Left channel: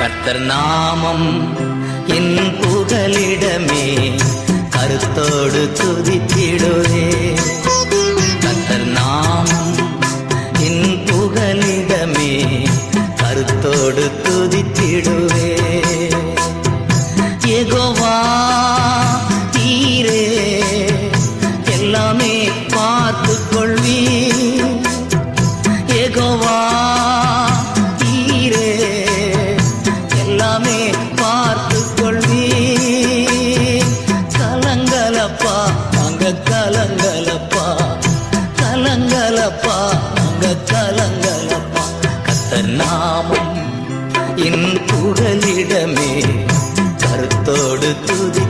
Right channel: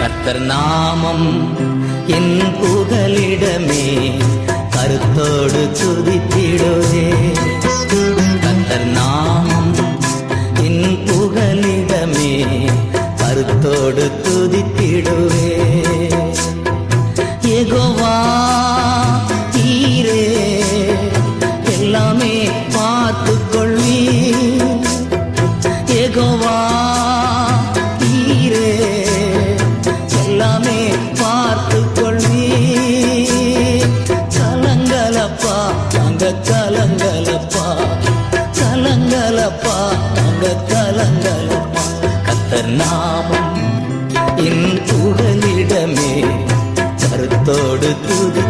கர்த்தர் நாமம் என் புகலிடமே, கருத்தோடு துதித்திடுவே. கர்த்தர் நாமம் என் புகலிடமே, கருத்தோடு துதித்திடுவே. யெகோவா நீரே எல்லாமே பார்த்துக் கொள்ளி. யெகோவா நீரே எல்லாமே பார்த்துக் கொள்ளி. கலங்கலப்பா நாங்க கலங்கலப்பா, கலங்கலப்பா நாங்க கலங்கலப்பா. கர்த்தர் நாமம் என் புகலிடமே, கருத்தோடு துதி